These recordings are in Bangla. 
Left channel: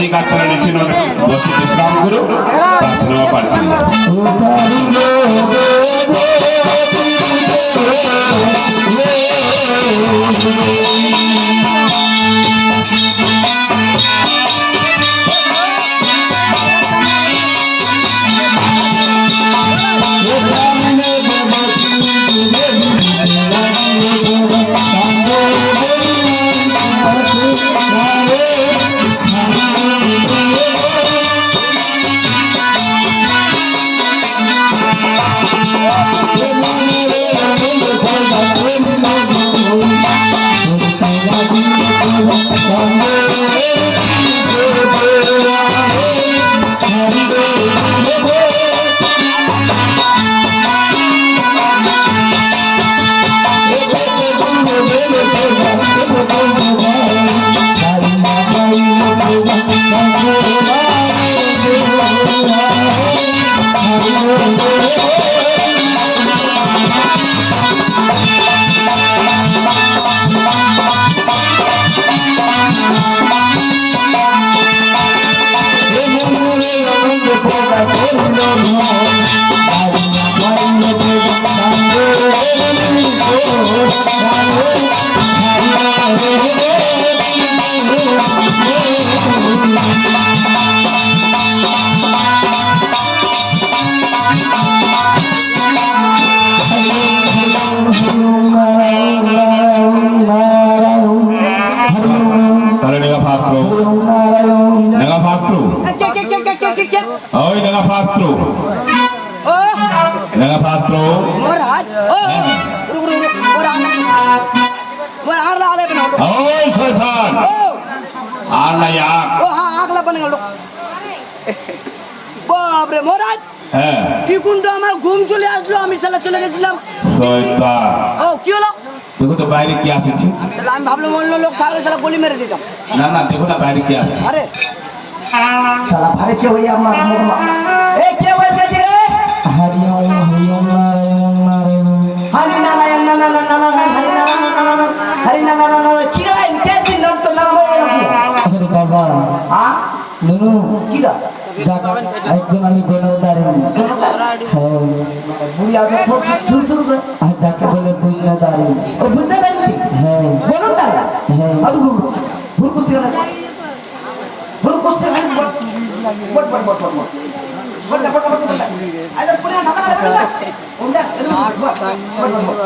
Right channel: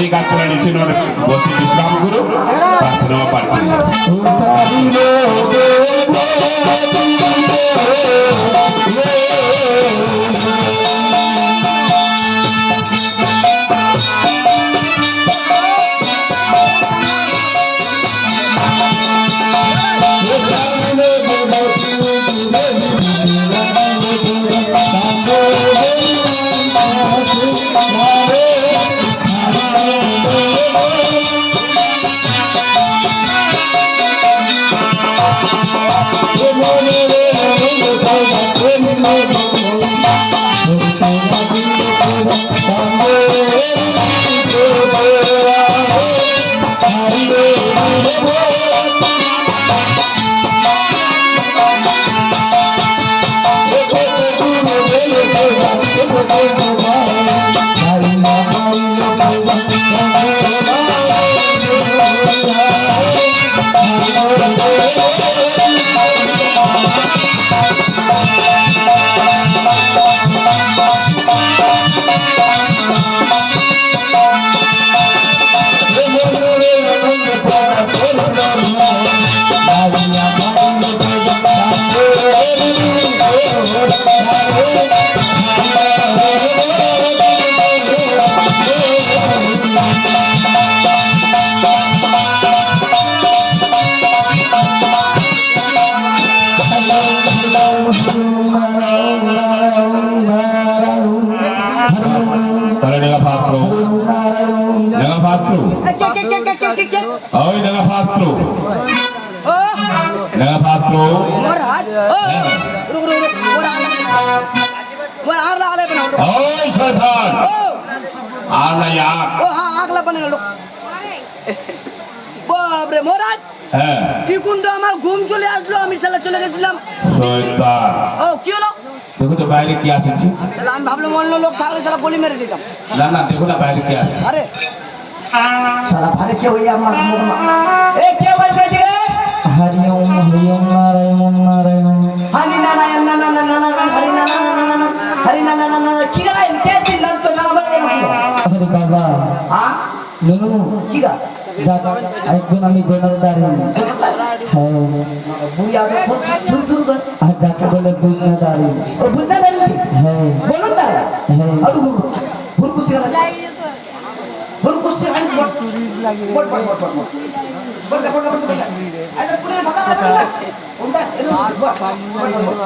वही गात्र निचिनोर बसी विश्राम करो प्रार्थना पाठ বাপরে মহারাজ কি কোনটা আমার ঘুম চলে আসলো আমি শালা চলে গেছিলাম ও কি হলো देखो तो বাইরে কি আছে শালা আমি ভাবলাম অন্য লোক থাকলে শালা গলি মেরে দিতাম না না দেখো না বাইরে কি আছে আরে শালা ভারে কে হইয়া আমার মুখমা এ কে বলছে রে হরি ওম নারায়ণ নারায়ণ হরি নারায়ণ নারায়ণ হরি নারায়ণ হরি নারায়ণ কি গলা ইনতে দিন তো নাম বলো কি আরে বাবা হ্যাঁ নুনু কি গা একদম আমি গোনাদার হ্যাঁ বুড়িয়া তো চুর চুর করে আর ডাকে বলে গোনাদার ও বুঝতে পারলি হ্যাঁ বলো তার হ্যাঁ আদু ভুল করছে না ভুল করছে ভাই বট বট বট বট বট বট বট বট বট আরে পুরো ঢাকা না বল না ওটা বট বট বট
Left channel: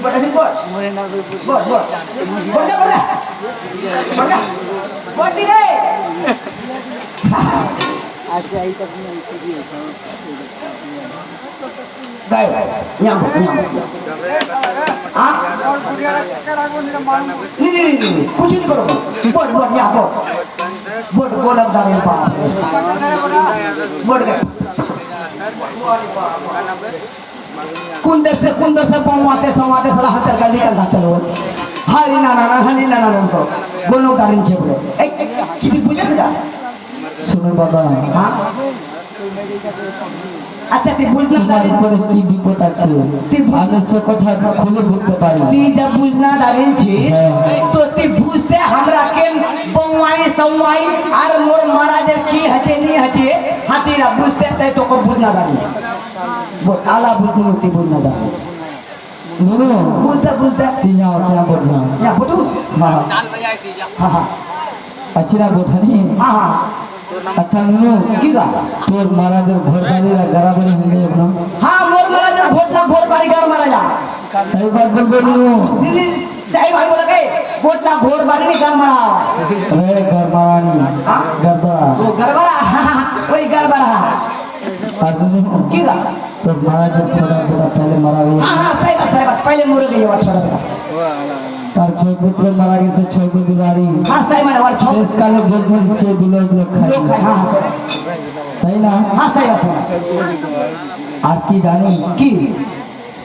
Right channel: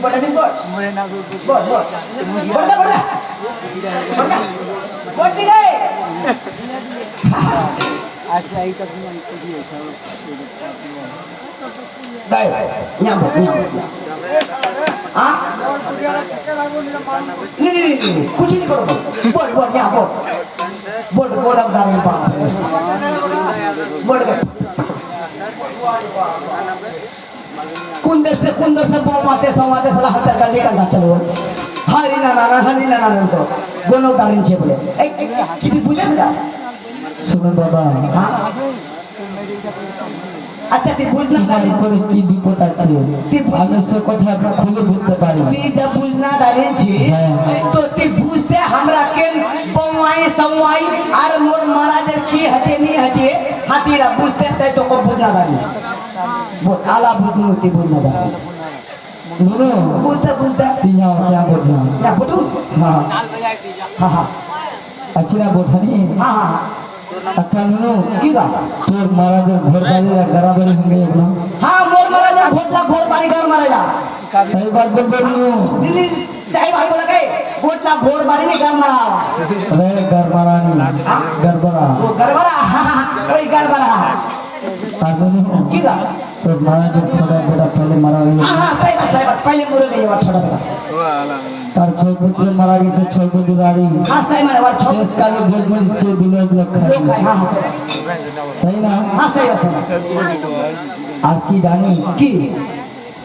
বট আছে বট বট বট বট বট বট রে আচ্ছা এইটা তুমি কি দিয়েছো দাই নিয়া বট নিয়া हाँ नहीं कुछ नहीं करो बोल बोल यहाँ बोल बोल गोलक दारू बाप बोल गए कुंदर से बोमाते समाते साला हटर का लेकर ना चलो हरी ना उनको गोलक दारू नीचे बोले एक कितनी पूजा पूजा सुनो बाबा हाँ আচ্ছা তুই বুঝলি না করে কি বিপদ আছে আমি সে কথা খুলে বুঝতে পারি তুই যা বুঝনা দাঁড়িয়েছি তো তুই বুঝতে আমরা কেন বৌমাই সৌমাই আর মোর মহারাজের কি আছে নি আছে হাতিরা বুঝতে তাই তোকে বুঝনা দাঁড়িয়ে আলা বুঝনু তুই বুঝনা দাঁড়িয়ে নুনু বুঝতে বুঝতে তুই যা আসে বুঝনা বুঝু হ্যাঁ হ্যাঁ আছি না বোঝানি হ্যাঁ আচ্ছা নুনু কি দা তোর মহারাজের ঘর বাড়ি গাড়াবাড়ি হয়ে এখন হ্যাঁ মোর মহারাজের ঘর বাড়ি ঘর মহারাজা সেই বাদ বলবো নুনু দিদি তাই ভাই বলে কে ঘর বাড়ি নি ঘর মারা রে ঘর মারানি গরবা ও গড়বড়া ওই গড়বড়া আর নুনু কি দা তোর মহারাজের ছোটা ছোটা পহলে মারা গেছে हाँ सही बात पहले मुड़े गई वो छोड़ा था তার ছয় পুত্র মারা গেছে ছয় পরিবারই हाँ सही में वो छोड़ শেষকালে গোল ধরছে দুলক लोग লক্ষ্য हाँ তাই না हाँ सही बात আর কি জানিস की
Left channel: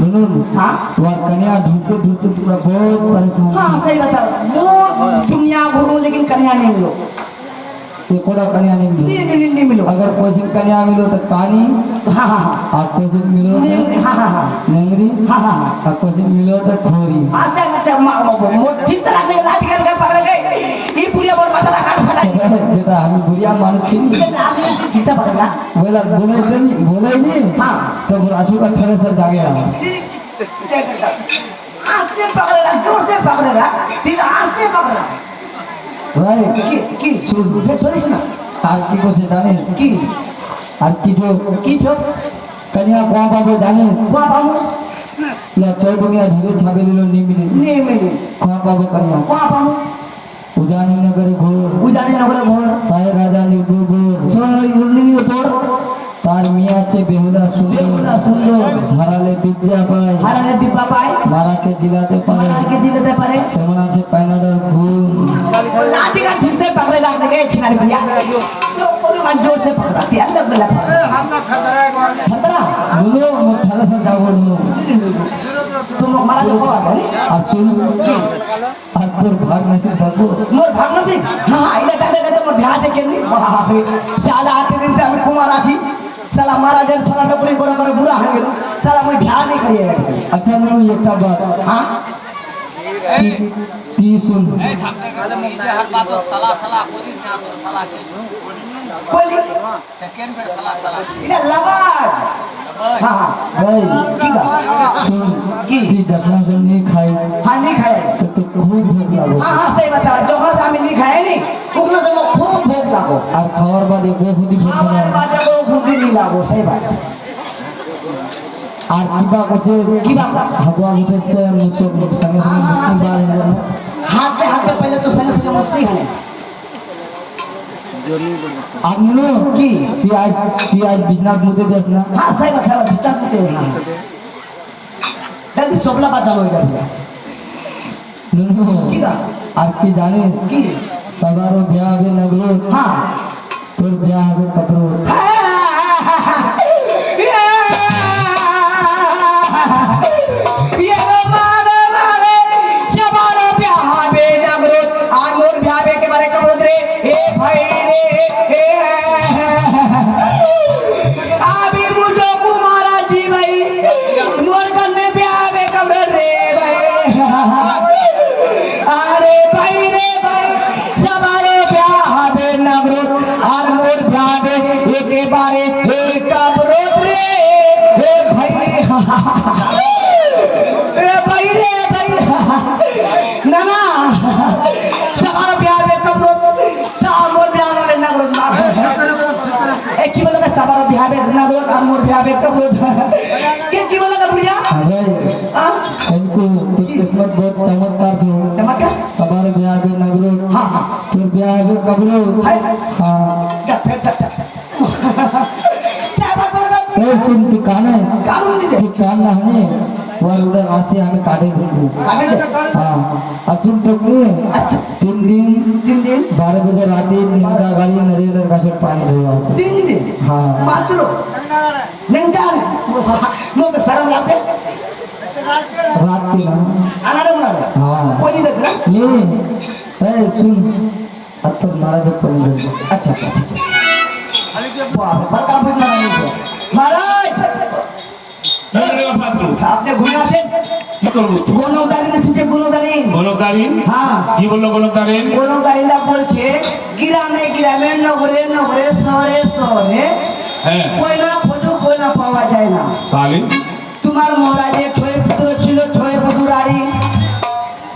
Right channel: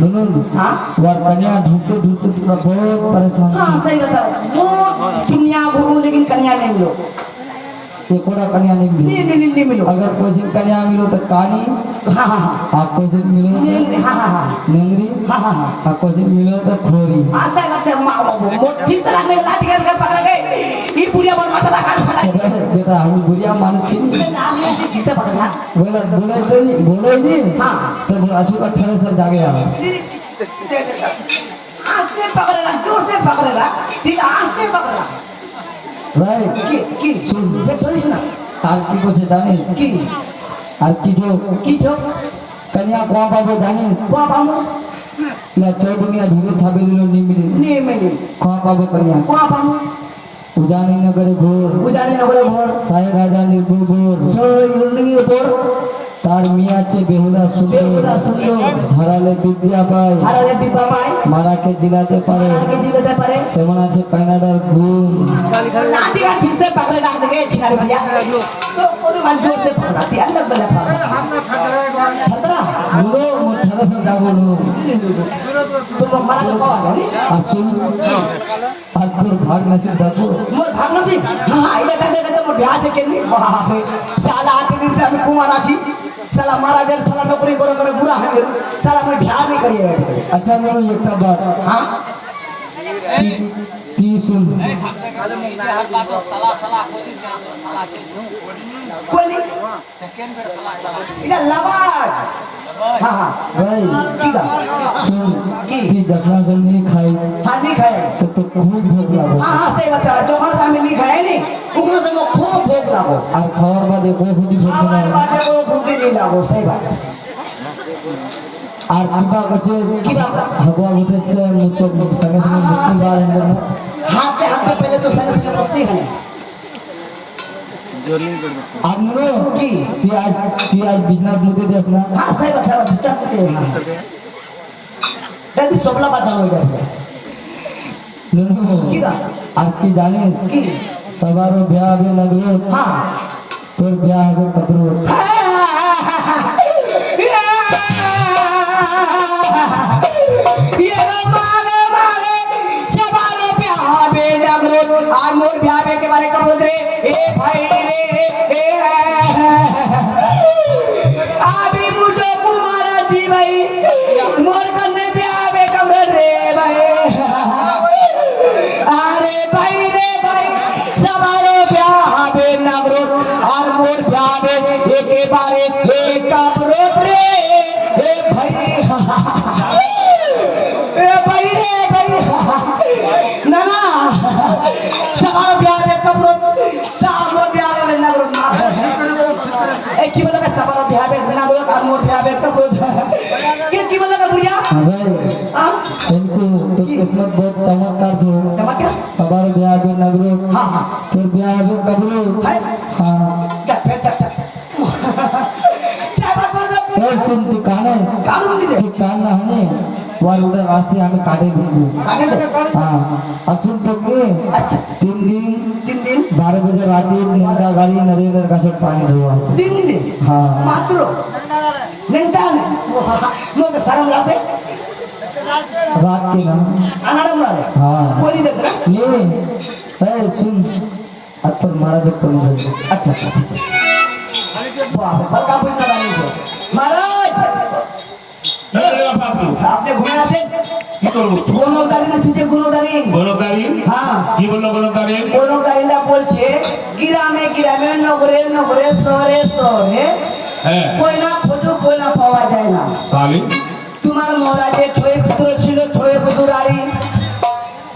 নুনু हाँ ওর কন্যা ঢুকতে ঢুকতে পুরো বহুত পরেশান हाँ सही बात मोर दुनिया घूमो लेकिन कन्या नहीं मिलो एकोड़ा कन्या नहीं मिली नहीं मिलो अगर कोई कन्या मिलो तो कहानी हाँ हाँ हाँ आप कोई मिलो तो हाँ हाँ हाँ नंगरी हाँ हाँ हाँ आप कोई मिलो तो खोरी हाँ सही बात है मोटी तरह में लाठी करके पकड़ गए ये पूरी बार माथा लगा फटाई बेटा हम गुड़िया मानो चिनी नाम नहीं जीता पड़ेगा बोला बोले नहीं हाँ। तो राजू का ठहरे सर जा गया आस्ते पकड़ेगा जोर से पकड़ेगा फिर आस्ते पकड़ेगा भाई की सुन ये छोड़िस ना आज की को से जाने की आज की जो कन्या कोआ पाबे जाने वो पाऊँ ला चौदुनिया धीरे छाबे लो नहीं मिली नहीं मिली कोआ पाबे कन्या वहाँ पाऊँ उजानी नगर घोर उजाने नगरे भोर साय राजा निर्भोर सोई गुरनिंगी ऊपर तार मिया चे बेहुदा बेहुदा सुंदर धराले विद्या पाय हाराले डिब्बा पाए मारा के जिलाते पारे आगे दिलते पारे सेमना चे पैनाडर घूम नाती का ठीक से पकड़े जाते गए छिनारे भैया तो कोई मन जोर से पकड़ा थी अंदर बेला खतरा नुनो मोठाला सा जाबो नु तुम मारा जो कौन है असुन आज तोर भाग नसीब दाबो मोर भागना थी हाँ इधर टंडे करते मैं ब्याह से केनी साला आते दिन से हमें कुमार आची साला मारा गया साला नौकरी करो करे बुरा है साला मैं ब्याह नहीं करिएगा अच्छा नु एक बात हाँ ती सुन कोई नहीं इधर लवाज हाँ हाँ भाई की का सुन की जपना से नहीं खाई हाँ नहीं खाया तो खूब भूख लागो हाँ हाँ सही बता जो हमारे सामने नहीं खाया नहीं उतना से मैं खूब भूख लागो और खबर बाद एको खुदी हमारे भूख बाटे को भूखी नहीं लागो सही बात আর কিবা করছে কিবা? হাগুয়া উঠেছে তো সঙ্গে সঙ্গে মুক্তি বার हाथ पे पहले तो संग संग मस्ती खाने আর নুনো की তুই আজ বিছনার মধ্যে যাস না हाँ सही बात डिस्टर्ब करते हैं जल्दी सोपला बात हो जाएगा নুনো কিবা? আর কি জানিস की সবারও বিয়া হবে নগর हाँ তোর বিয়া হবে কবর इनको किस्मत बहुत चमत्कार छो सवार ब्याह হবে নগর हाँ हाँ তোর বিয়া হবে কবর हाँ ए सुनती काने की कान ना है वार उड़ा राशि हमें काटे दूंगी हाँ अब सुन तो क्यों अच्छा 3 दिन 12 बजे रात निंदा गाड़ी नरेंद्र का सब पानी हुआ हाँ मात्र निंदान मुझे शर्म लागे रात के ना अनारम लागे हाँ कोई नहीं देख रहा नहीं ए सुन अब तो महाराज को नहीं अच्छा अच्छा ठीक है वाह बड़का पैसा नहीं है महाराज আপনি ঘুরে আছেন কি করবো গণদারিন আছে গণদারিন গণতারিন হ্যাঁ কি বললো গণতারিন গণদারিনটা বলছে গ্রামে গ্রামে নগরে নগরে শহরে শহরে হ্যাঁ কই না খোঁজো কই না পাওয়া যায় না তাহলে তোমার মহারাজের ছয় পুত্র ছিল ছয় পুত্রারি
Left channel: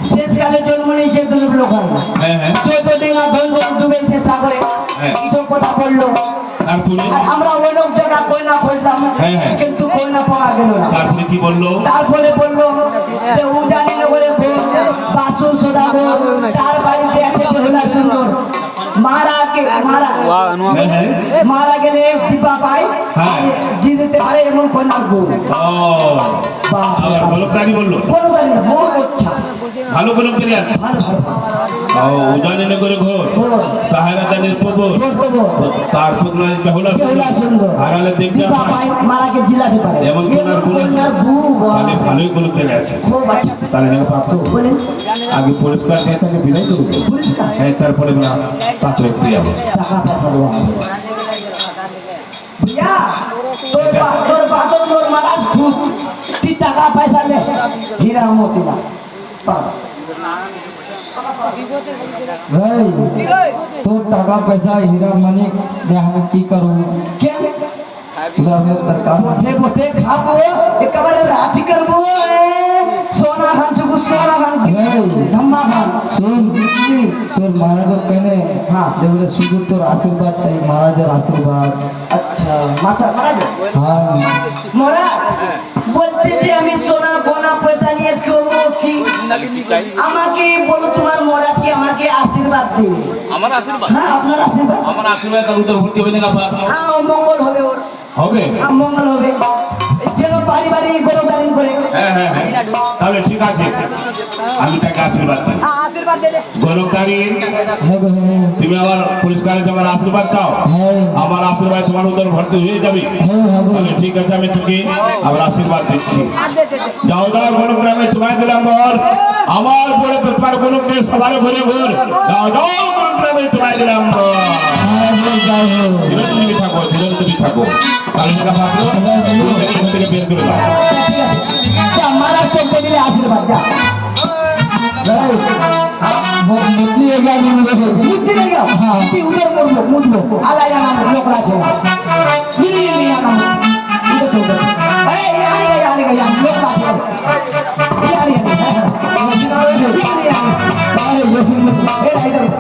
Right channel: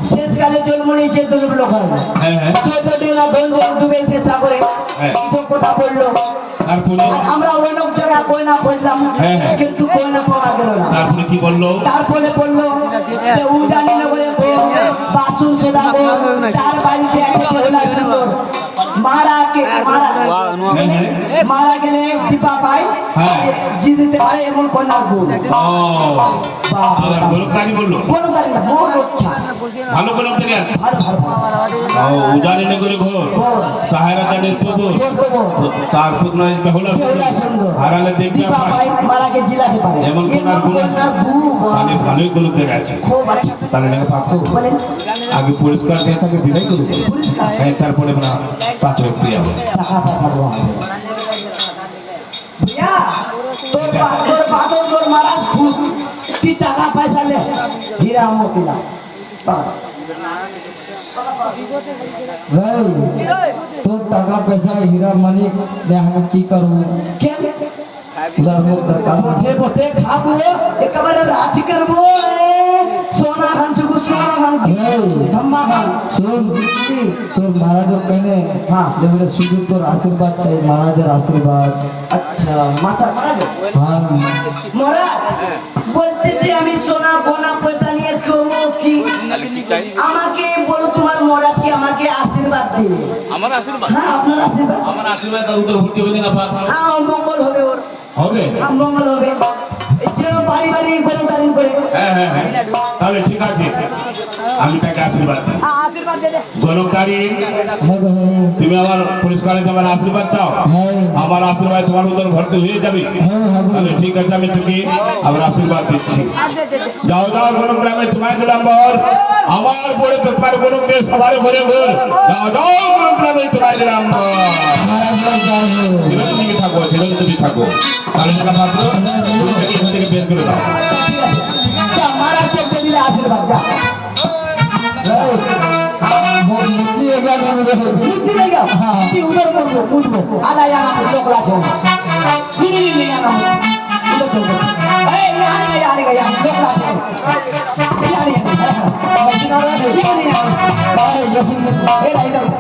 শেষকালে জন্ম নিয়েছে দুর্লভ লোক হ্যাঁ হ্যাঁ 14 দিন না গঙ্গা ডুবেছে সাগরে হ্যাঁ। কিছু কথা বললো তারপরে আর আমরা অনেক জায়গা কই না খুঁজলাম হ্যাঁ, হ্যাঁ। কিন্তু কই না পাওয়া গেল না তারপরে কি বললো তারপরে বললো যে উজানি নগরে বাসুর সদাগর তার বাড়িতে আছে বেহুলা সুন্দর মারা গেলে দীপা পায় হ্যাঁ। জিতে পারে এমন কন্যার গুণ ও আবার গণতারি বললো কোনো গাড়ি না মন ইচ্ছা ভালো গণতারি আছে ভালো ভালো ও উজানি নগরে ঘর ঘোর সাহারা দানের প্রবর ঘোর দেবো তারপর নয় বেহুলা বেহুলা সুন্দর হারালে দেখবে দীপা পায় মারাকে জিলাতে পারে এমন কন্যার গুণ কন্যার গুণ মানে ভালোই গণতারি আছে খুব আচ্ছা তাহলে না পাত্র বলেন আগে পরিষ্কার দিয়ে তাকে বিদায় করবো পরিষ্কার হ্যাঁ তারপরে না পাত্র পেয়ে যাবো টাকা পয়সা দেবো भैया তোর বাদর মোর মারাজ খুব তুই টাকা পয়সা লে হীরা মোতিলা এই তোর টাকা পয়সা হীরা মানিক দিয়ে আমি কি করবো কেন উধার মোর দরকার বসে বসে খাবো একেবারে রাজ করবো সোনা ভাঙছু সোনা ভাঙছি এই ধম্মা ভাঙ শোন তোর মহারাজের কেনে হ্যাঁ। এবারে শুধু তোর আশীর্বাদ চাই মহারাজের আশীর্বাদ আচ্ছা মাথা মারা হ্যাঁ মহারাজ বলতে যে আমি সোনা গোনা পয়সা নিয়ে করবো কি আমাকে বলো তোমার মহারাজকে আমাকে আশীর্বাদ দেবে আমার আশীর্বাদ হ্যাঁ আপনার আশীর্বাদ আমার আশীর্বাদ তার উত্তর ভর্তি হবে না হ্যাঁ ও মঙ্গল হবে ওর হবে হ্যাঁ মঙ্গল হবে এই যেন বাড়ি বাড়ি গরু দাঁড়িয়ে করে হ্যাঁ হ্যাঁ হ্যাঁ তাহলে ঠিক আছে আমি তাকে আশীর্বাদ দিই হ্যাঁ আশীর্বাদ দে দে গরুকারী হ্যাঁ গো হ্যাঁ তুমি আমার পুরস্কারে আমার আশীর্বাদ চাও হ্যাঁ আমার আশীর্বাদ তোমার উত্তর ভর্তি হয়ে যাবে হ্যাঁ হবে তাহলে ঠিক আছে আমি তোকে আমার আশীর্বাদ দিচ্ছি আর দে দে দে যাও যাও গরুগ্রামে তোমায় দিলাম বর আমার বড় তোমার গরুগ্রামে সবার ঘুরে ঘুর যাও যাও গরুগ্রামে তোমায় দিলাম বর চিরঞ্জীবী থাকো চিরঞ্জীবী থাকো কালী টাকা মাত্র এখান থেকে বের করে দাও ঠিক আছে যা মারা চলতে দিলে আশীর্বাদ যা মুক্তি এগিয়ে নিয়ে বুদ্ধি নেই গা তুই উদর করবো মুদবো আলাই আমার লোক আছে নিনি নিনি আমার উদর চলতে এই আনে গয়া লোক আছে এই আনে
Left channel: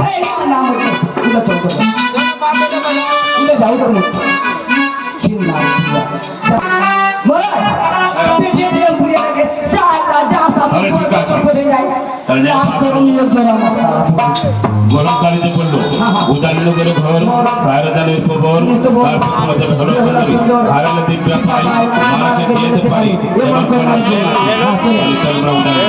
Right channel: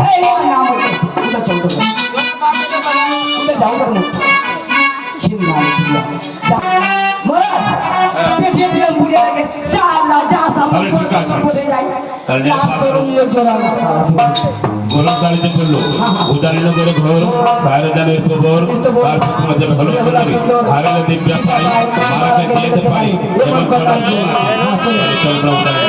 এই নাম উদর চলতে উদর যাও উদর মুখ চিন্না মহারাজ দেখিয়ে দিলাম বুড়িয়া লাগে যা আল্লাহ যা সামনে করে যায় লাভ করুন লোকজন গরমকারী যে করলো উদাহরণ করে ঘর বাইরে দাঁড়ে খবর তার আমাদের ভালো করে হারালে দিব্যা পাই মারাকে দিয়েতে পারি এবং চন্দ্র উদয়